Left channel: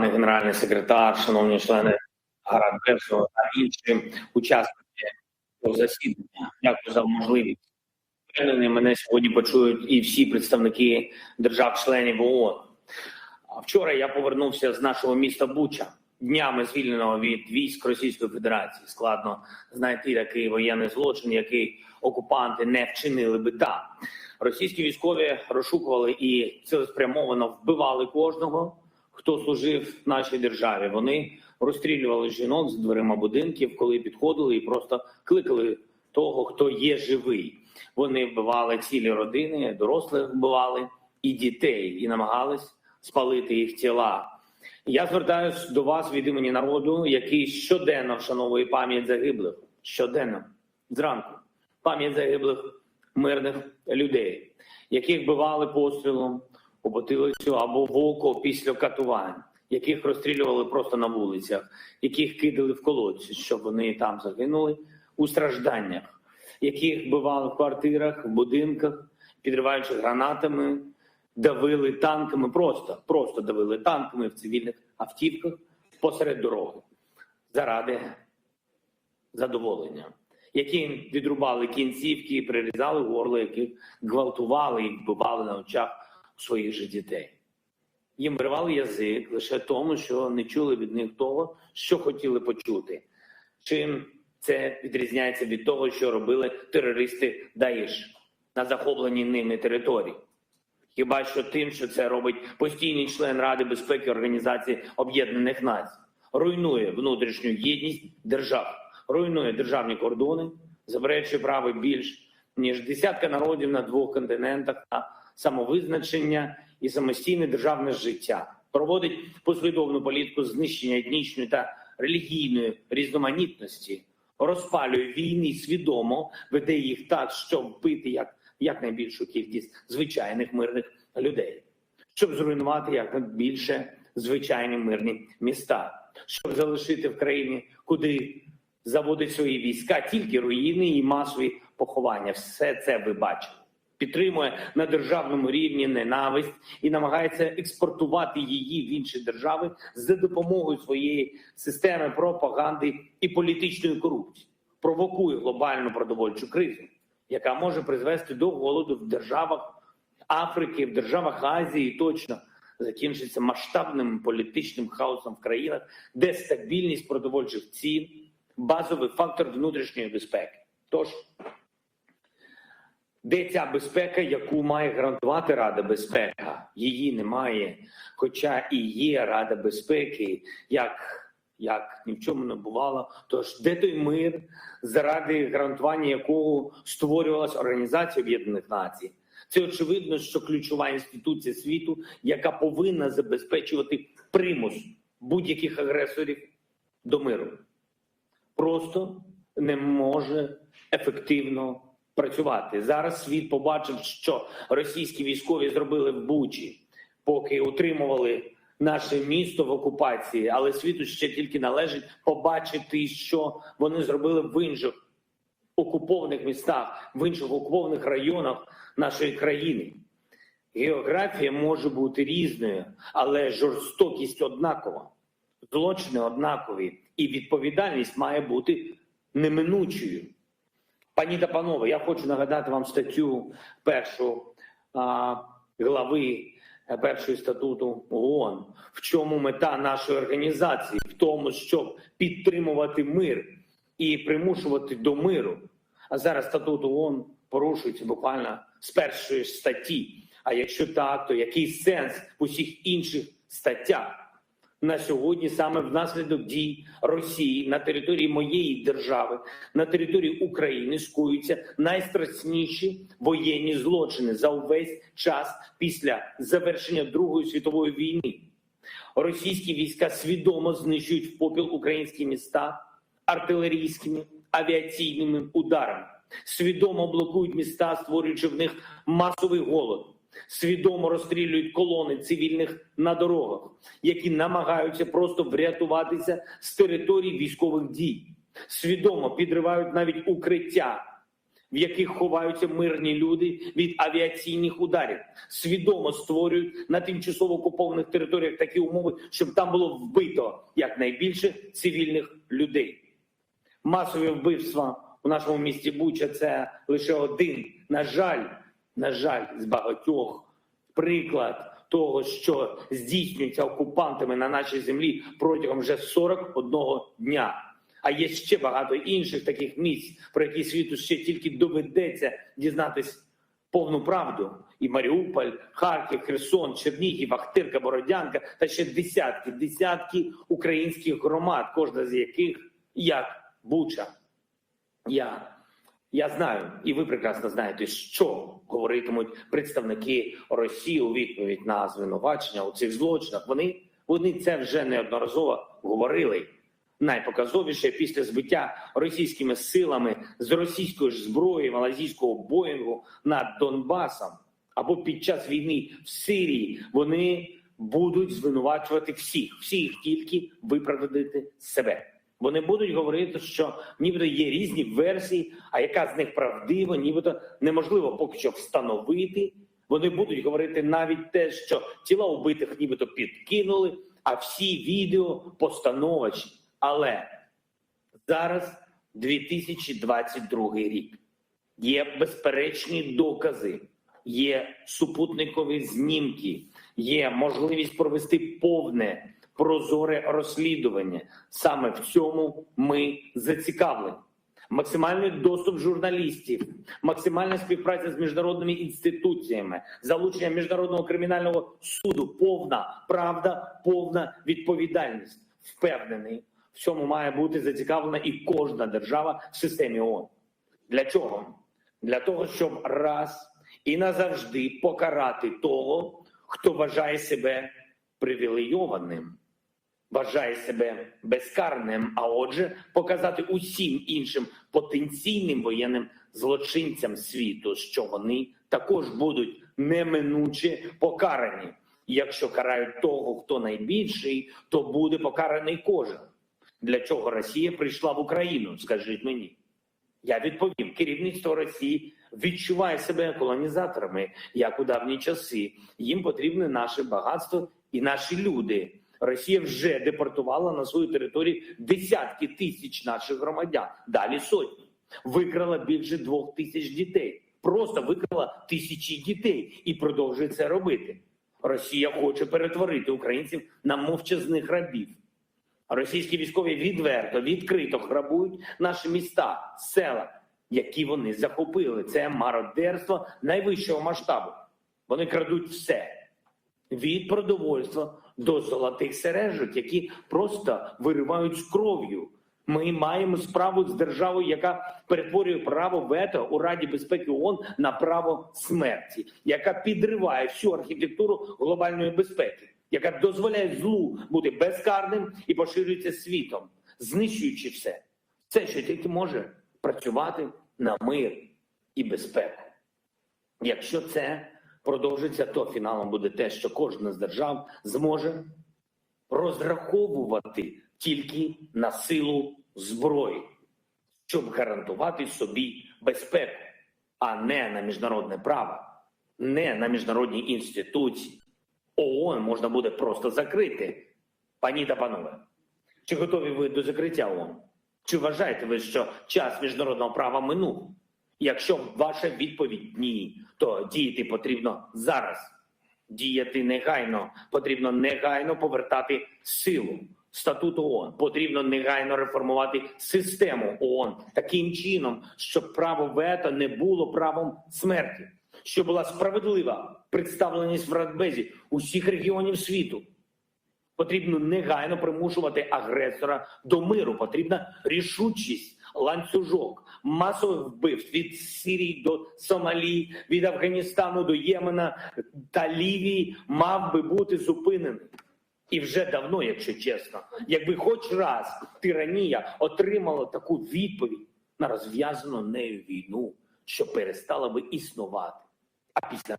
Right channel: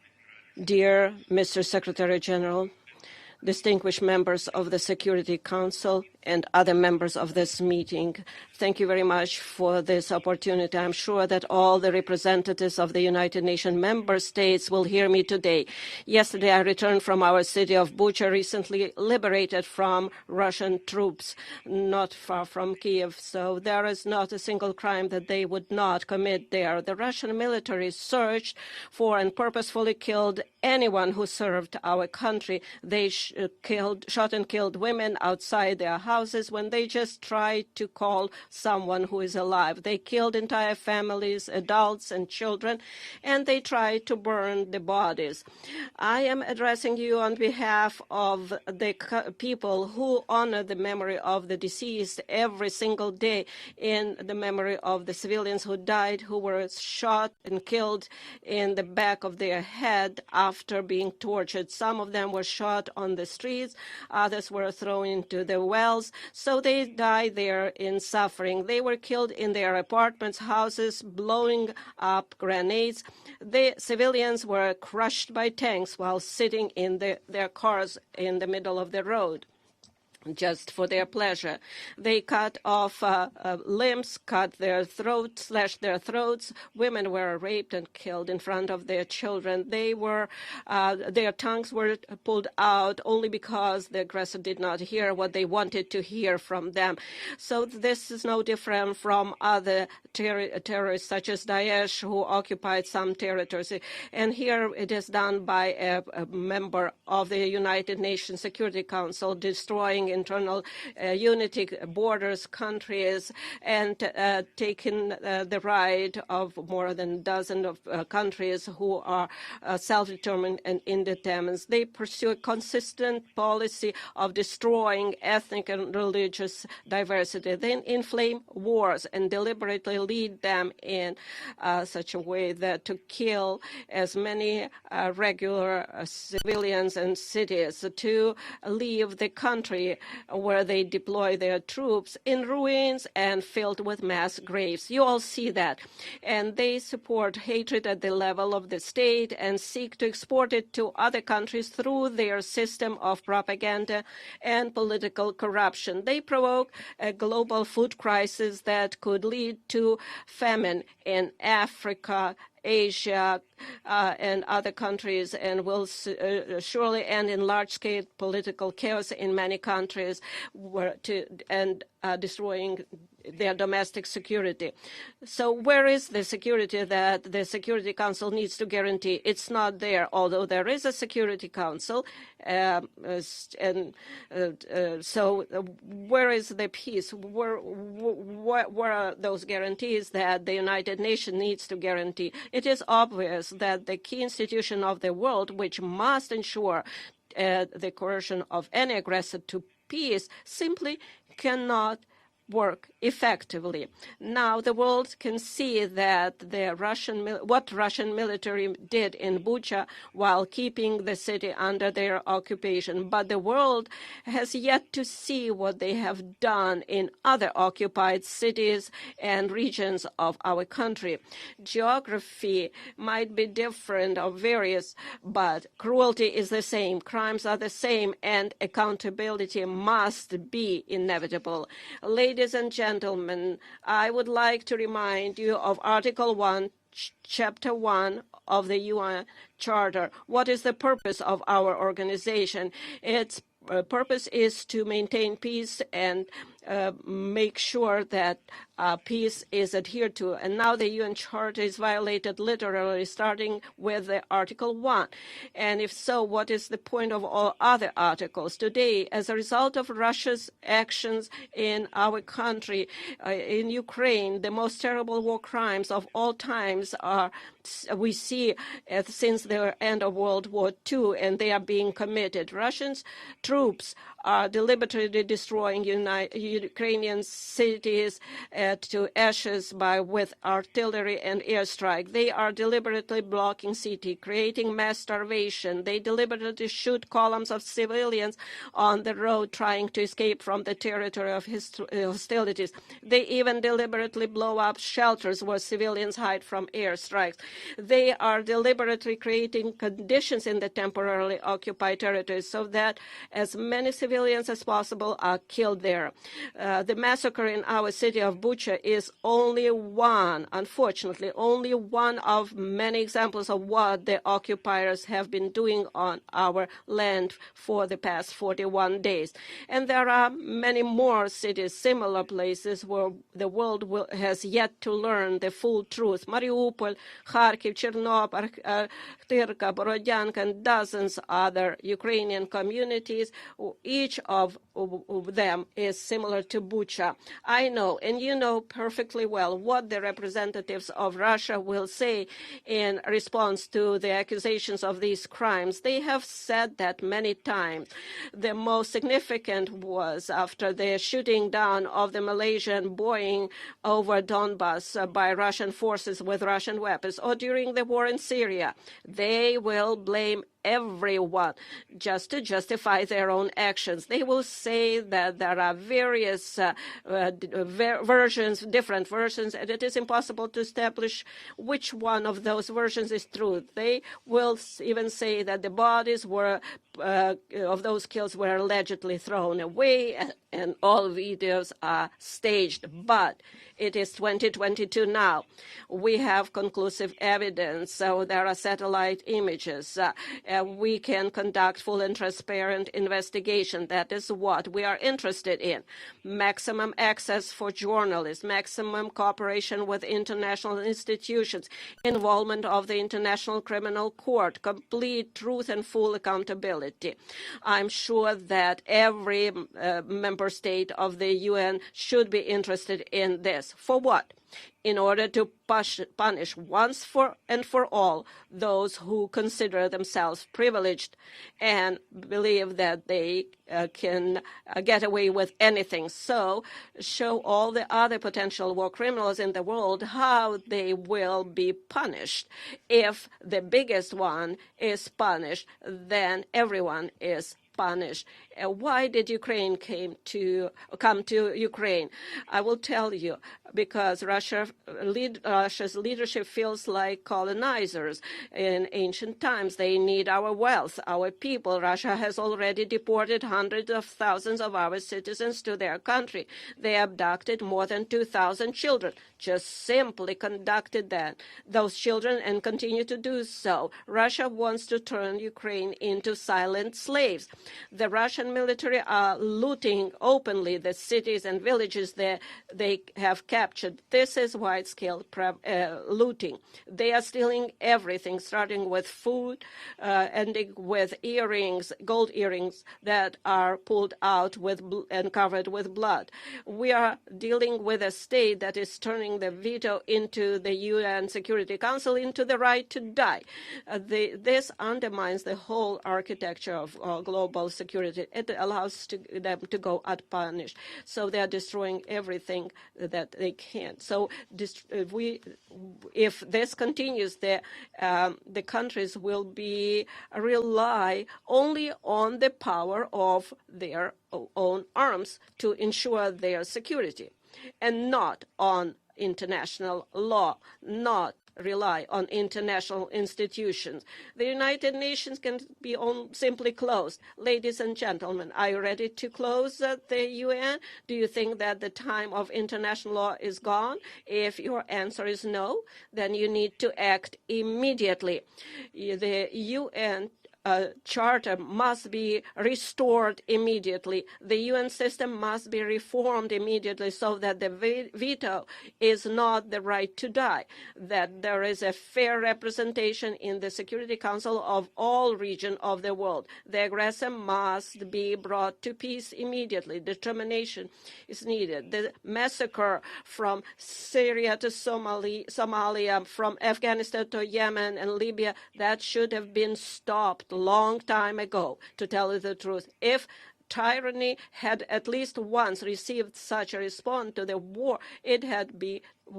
Dear Mr. Secretary General, distinguished members of the Security Council and other members of this meeting, thank you very much for this opportunity. I'm sure that all the representatives of the United Nations member states will hear me today. Yesterday, I returned from our city of Bucha, recently liberated from Russian troops, not far from Kiev. So there is not a single crime that they would not commit there. The Russian military searched for and purposefully killed anyone who served our country. They shot and killed women outside their houses when they just tried to call someone who is alive. They killed entire families, adults and children, and they tried to burn the bodies. I am addressing you on behalf of the people who honor the memory of the deceased every single day, in the memory of the civilians who died, who were shot and killed in the back of their head after being tortured. Some of them were shot on the streets, others were thrown into the wells, so they died there in suffering. They were killed in their apartments, houses, blowing up grenades. The civilians were crushed by tanks while sitting in their cars in the middle of the road, just for their pleasure. They cut off limbs, cut their throats, slashed their throats. Women were raped and killed in front of their children. Their tongues were pulled out only because the aggressor did not hear what they wanted to hear from them. So this is no different from other terrorists such as Daesh, who occupied some territories. And here it is done by a member of the United Nations Security Council, destroying internal unity, borders, countries, and taking the right of more than a dozen countries who are self-determined and independent. They pursue a consistent policy of destroying ethnic and religious diversity. They inflame wars and deliberately lead them in such a way that to kill as many regular civilians and cities, to leave the country where they deploy their troops in ruins and filled with mass graves. You all see that. And they support hatred at the level of the state and seek to export it to other countries through their system of propaganda and political corruption. They provoke a global food crisis that could lead to famine in Africa, Asia, and other countries, and will surely end in large-scale political chaos in many countries, and destroying their domestic security. So where is the security that the Security Council needs to guarantee? It's not there, although there is a Security Council. So where is the peace? Where are those guarantees that the United Nations needs to guarantee? It is obvious that the key institution of the world, which must ensure the coercion of any aggressor to peace, simply cannot work effectively. Now the world can see that what Russian military did in Bucha while keeping the city under their occupation, but the world has yet to see what they have done in other occupied cities and regions of our country. Geography might be different or various, but cruelty is the same, crimes are the same, and accountability must be inevitable. Ladies and gentlemen, I would like to remind you of Article 1, Chapter 1 of the UN Charter. What is the purpose of our organization? Its purpose is to maintain peace and make sure that peace is adhered to. And now the UN Charter is violated literally, starting with the Article 1. And if so, what is the point of all other articles? Today, as a result of Russia's actions in our country, in Ukraine, the most terrible war crimes of all times we see since the end of World War II, and they are being committed. Russian troops are deliberately destroying Ukrainian cities to ashes with artillery and airstrike. They are deliberately blocking cities, creating mass starvation. They deliberately shoot columns of civilians on the road trying to escape from the territory of hostilities. They even deliberately blow up shelters where civilians hide from airstrikes. They are deliberately creating conditions in the temporarily occupied territories so that as many civilians as possible are killed there. The massacre in our city of Bucha is only one, unfortunately, only one of many examples of what the occupiers have been doing on our land for the past 41 days. And there are many more cities, similar places where the world has yet to learn the full truth. Mariupol, Kharkiv, Chernobyl, Tyrka, Borodyanka, and dozens other Ukrainian communities. Each of them is similar to Bucha. I know, and you know perfectly well what the representatives of Russia will say in response to the accusations of these crimes. They have said that many times. The most significant was after the shooting down of the Malaysian Boeing over Donbass by Russian forces with Russian weapons, or during the war in Syria. They will blame everyone just to justify their own actions. They will say that there are various versions, different versions, and it is impossible to establish which one of those versions is true. They will even say that the bodies were of those killed were allegedly thrown away, and all videos are staged. But it is 2022 now. We have conclusive evidence, so there are satellite images. We can conduct full and transparent investigation. That is what we are interested in. Maximum access for journalists, maximum cooperation with international institutions, involvement of the International Criminal Court, complete truth and full accountability. I'm sure that every member state of the UN should be interested in this. For what? In order to punish once and for all those who consider themselves privileged and believe that they can get away with anything. So show all the other potential war criminals in the world how they will be punished. If the biggest one is punished, then everyone is punished. And why did Ukraine come to Ukraine? I will tell you, because Russia's leadership feels like colonizers. In ancient times, they need our wealth, our people. Russia has already deported hundreds of thousands of our citizens to their country. They abducted more than 2,000 children, just simply conducted those children and continue to do so. Russia wants to turn Ukraine into silent slaves. The Russian military are looting openly the cities and villages that they have captured. This is wide-scale looting. They are stealing everything, starting with food, ending with earrings, gold earrings that are pulled out and covered with blood. We are dealing with a state that is turning the veto into the UN Security Council into the right to die. This undermines the whole architecture of global security. It allows them to go unpunished. So they are destroying everything that they can. So if this continues, the countries will rely only on the power of their own arms to ensure their security, and not on international law, not rely on international institutions. The United Nations can be simply closed. Ladies and gentlemen, are you ready to close the UN? Do you think that the time of international law is gone? If your answer is no, then you need to act immediately. The UN Charter must be restored immediately. The UN system must be reformed immediately so that the veto is not the right to die, that there is a fair representation in the Security Council of all regions of the world. The aggressor must be brought to peace immediately. Determination is needed. The massacre from Syria to Somalia, from Afghanistan to Yemen and Libya, that should have been stopped a long time ago, to tell you the truth. If tyranny had at least once received such a response to the war it had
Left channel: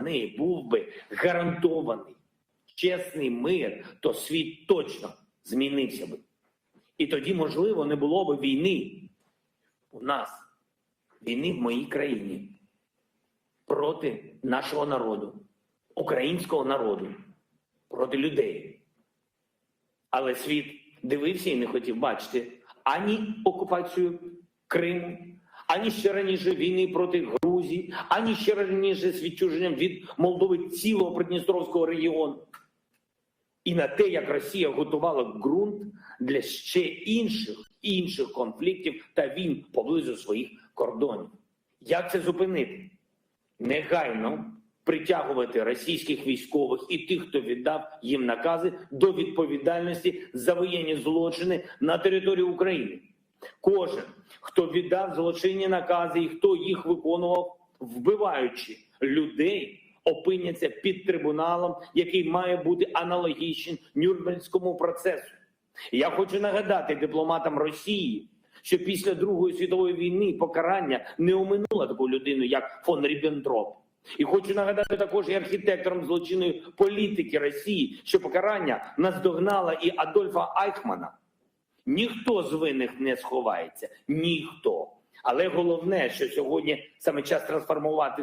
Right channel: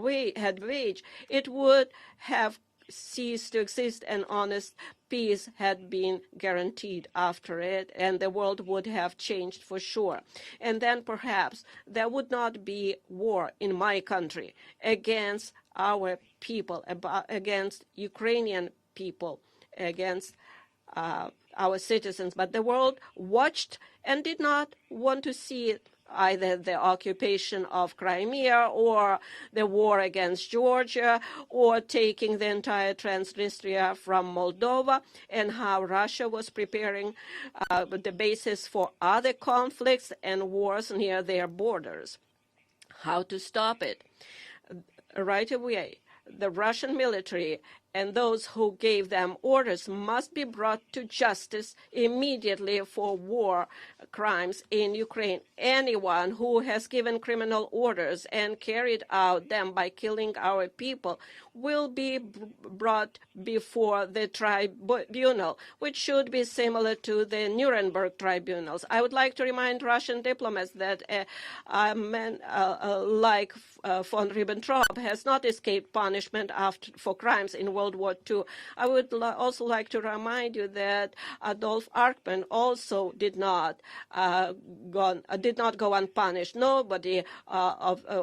waged, it would have ceased to exist and honest peace had been guaranteed after it, and the world would have changed for sure. And then perhaps there would not be war in my country against our people, against Ukrainian people, against our citizens, but the world watched and did not want to see either the occupation of Crimea or the war against Georgia or taking the entire Transnistria from Moldova, and how Russia was preparing the basis for other conflicts and wars near their borders. How to stop it? Right away, the Russian military and those who gave them orders must be brought to justice immediately for war crimes in Ukraine. Anyone who has given criminal orders and carried out them by killing our people will be brought before the tribunal, which should be similar to the Nuremberg tribunals. I would like to remind Russian diplomats that a man like von Ribbentrop has not escaped punishment for crimes in World War II. I would also like to remind you that Adolf Eichmann also did not go unpunished. Nobody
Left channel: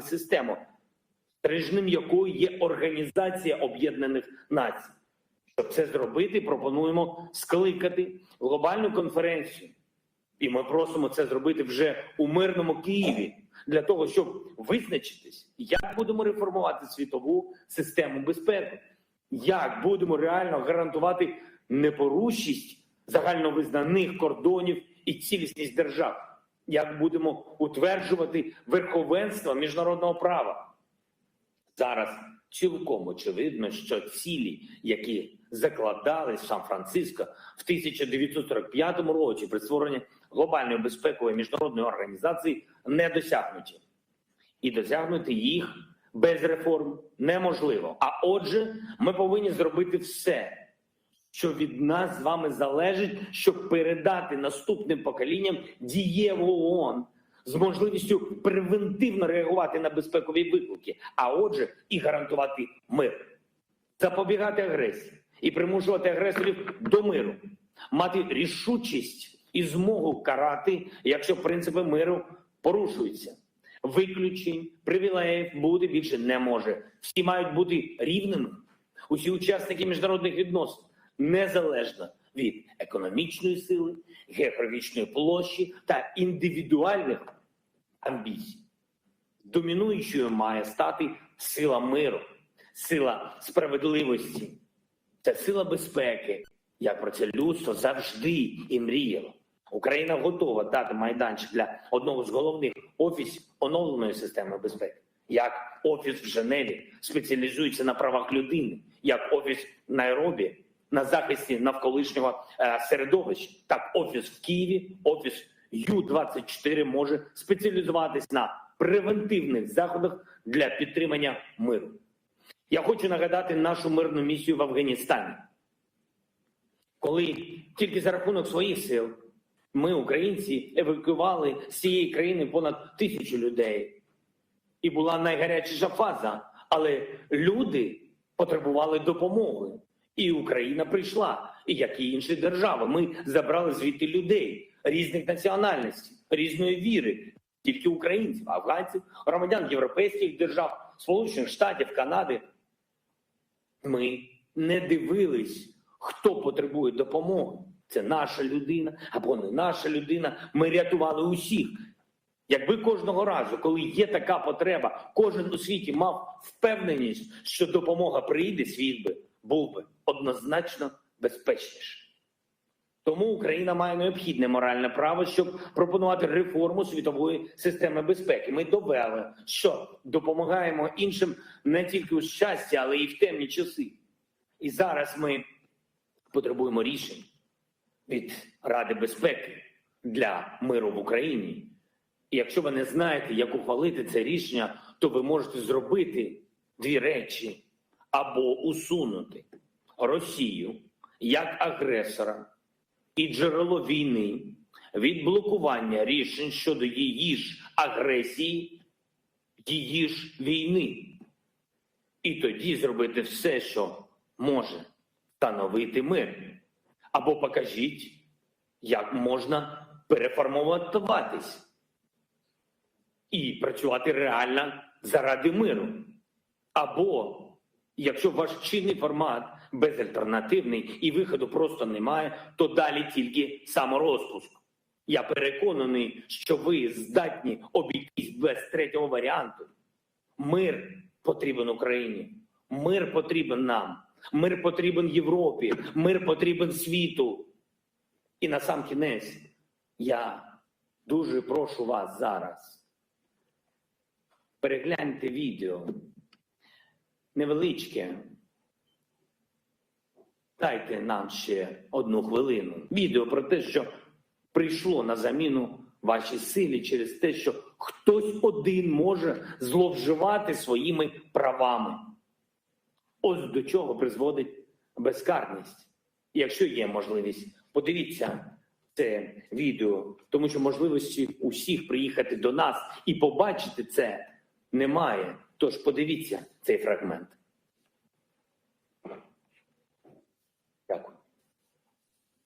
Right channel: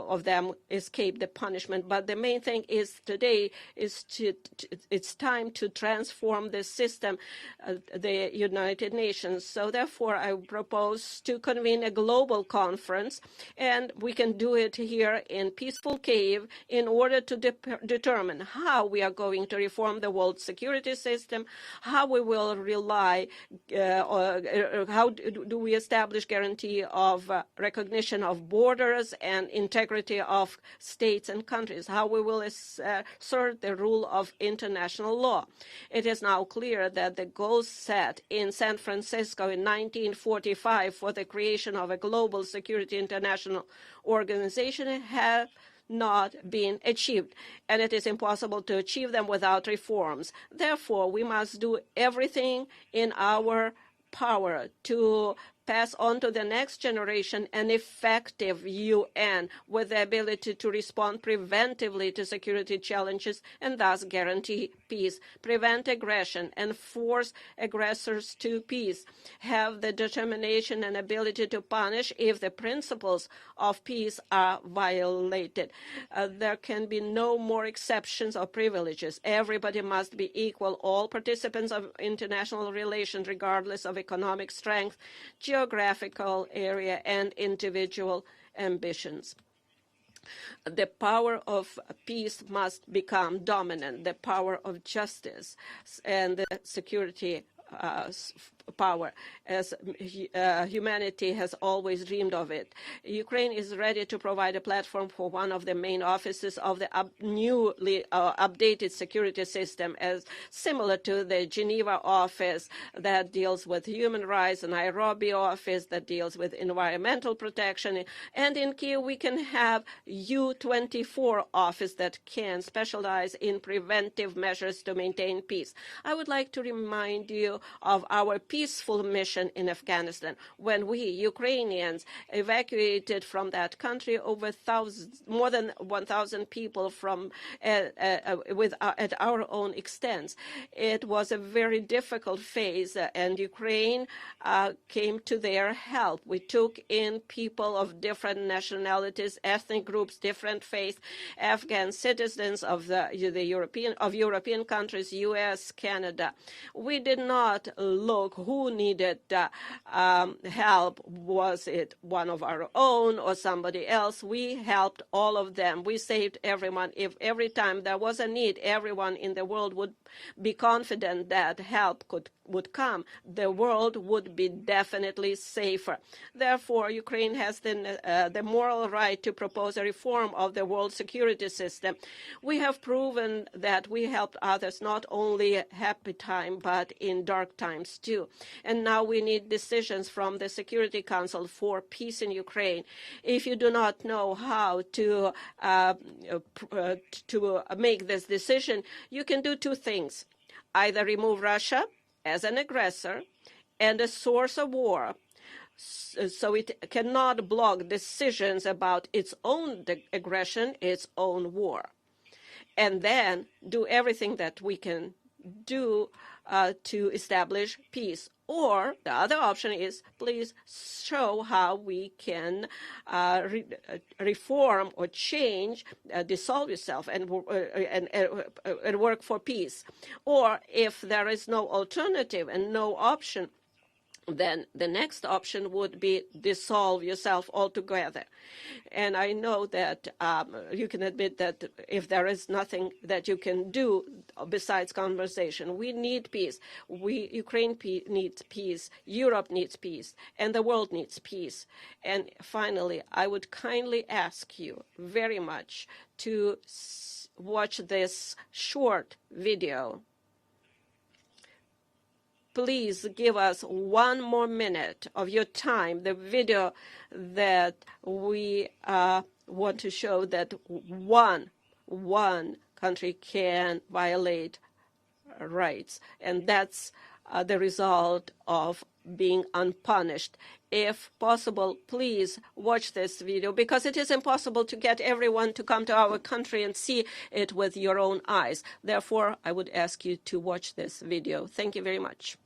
of them escaped the punishment. But the main thing is today it's time to transform the system, the United Nations. So therefore, I propose to convene a global conference, and we can do it here in peaceful Kyiv in order to determine how we are going to reform the world security system, how we will rely, how do we establish guarantee of recognition of borders and integrity of states and countries, how we will assert the rule of international law. It is now clear that the goals set in San Francisco in 1945 for the creation of a global security international organization have not been achieved, and it is impossible to achieve them without reforms. Therefore, we must do everything in our power to pass on to the next generation an effective UN with the ability to respond preventively to security challenges and thus guarantee peace, prevent aggression, and force aggressors to peace, have the determination and ability to punish if the principles of peace are violated. There can be no more exceptions or privileges. Everybody must be equal. All participants of international relations, regardless of economic strength, geographical area, and individual ambitions. The power of peace must become dominant. The power of justice and the security power, as humanity has always dreamed of it. Ukraine is ready to provide a platform for one of the main offices of the newly updated security system, similar to the Geneva office that deals with human rights, the Nairobi office that deals with environmental protection, and in Kyiv we can have U24 office that can specialize in preventive measures to maintain peace. I would like to remind you of our peaceful mission in Afghanistan, when we Ukrainians evacuated from that country over more than 1,000 people from at our own extent. It was a very difficult phase, and Ukraine came to their help. We took in people of different nationalities, ethnic groups, different faiths, Afghan citizens of European countries, US, Canada. We did not look who needed help. Was it one of our own or somebody else? We helped all of them. We saved everyone. If every time there was a need, everyone in the world would be confident that help would come, the world would be definitely safer. Therefore, Ukraine has the moral right to propose a reform of the world security system. We have proven that we helped others not only happy time, but in dark times too. And now we need decisions from the Security Council for peace in Ukraine. If you do not know how to make this decision, you can do two things. Either remove Russia as an aggressor and a source of war, so it cannot block decisions about its own aggression, its own war. and then do everything that we can do to establish peace. Or the other option is, please show how we can reform or change, dissolve yourself and work for peace. Or if there is no alternative and no option, then the next option would be dissolve yourself altogether. And I know that you can admit that if there is nothing that you can do besides conversation, we need peace. Ukraine needs peace, Europe needs peace, and the world needs peace. And finally, I would kindly ask you very much to watch this short video. Please give us 1 more minute of your time, the video that we want to show that one country can violate rights, and that's the result of being unpunished. If possible, please watch this video, because it is impossible to get everyone to come to our country and see it with your own eyes. Therefore, I would ask you to watch this video. Thank you very much.